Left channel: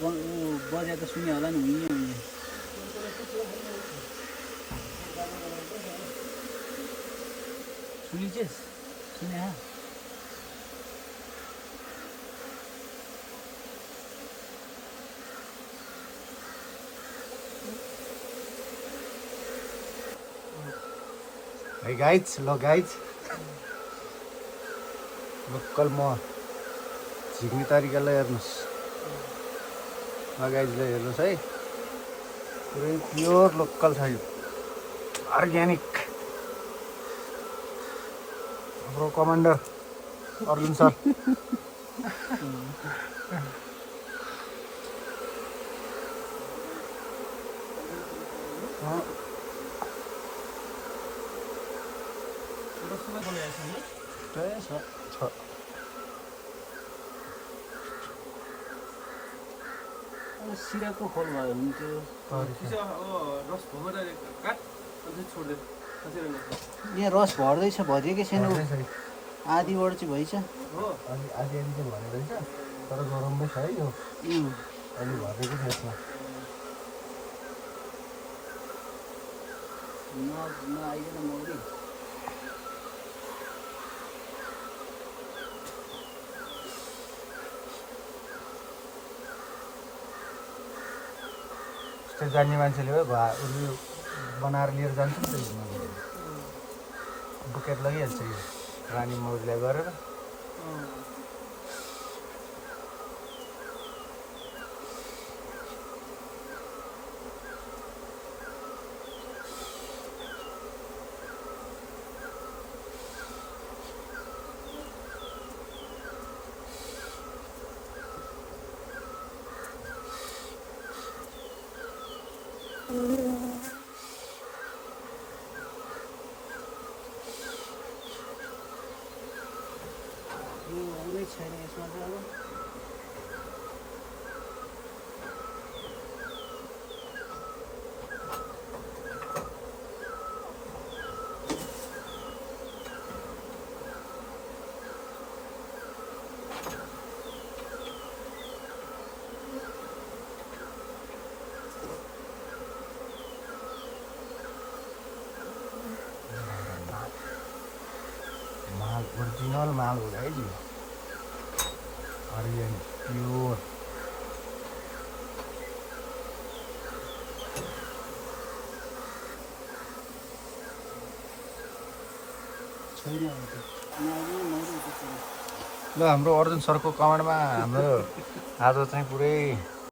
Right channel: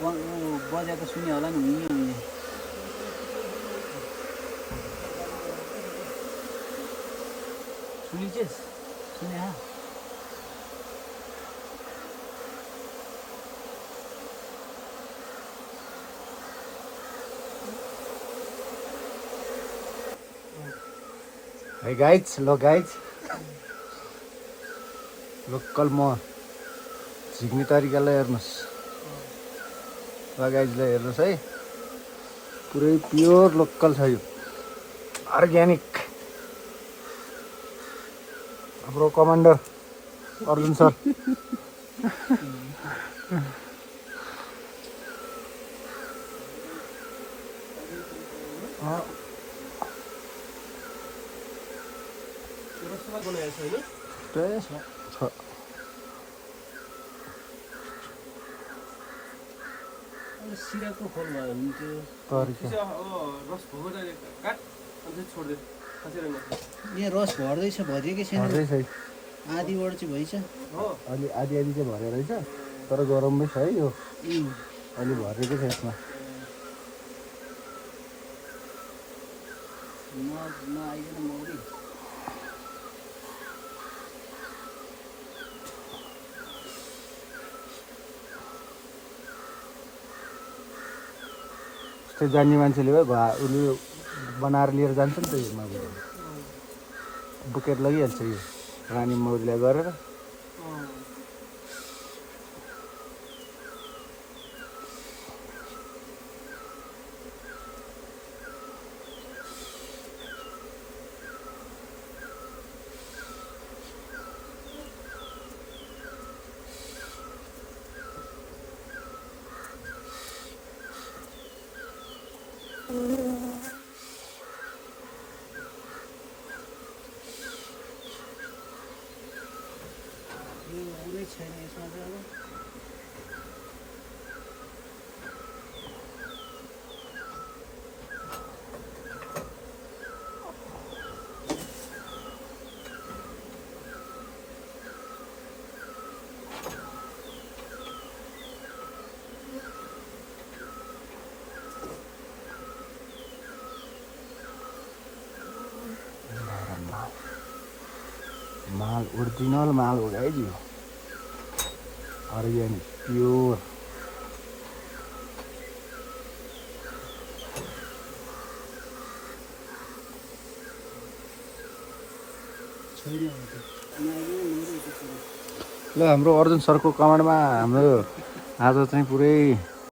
बजेको सुन्यो होला नि उयो सुनिछेस् सुने हा Hey guys, hello guys. Local म झिक्ने तरिकालाई हेर्नुहोस् गाइजलाई हेर्नुहोस् है पुरै प्योर लोकल छ अर्ग्यानिक हाम्रो कमान्डर अरविन्द सर सिराको खोल भयो हुन्थ्यो यहाँ रस भर्दैछ भरिएकै छैन आधीबाट चाहिँ भइछ अलि आधी आधी चाहिँ भरेको रहेछ तर गरममै छ है यो अलि भरेको छैन नआइकन मौरी त्यो जान्ने मान्छेले भयो उसले बनाएर लिएर जान्छ नि त बुकेट लगिहाल्छ यो रानी मौरीलाई गरेर यो हुँदै छैन यसमा चाहिँ अब माल ओरिजिनल माल हो है यो अर्ग्यानिक प्योर छैन यो हाम्रो अर्जुन सरको कमान्डमा हाम्रो आज चाहिँ पुरै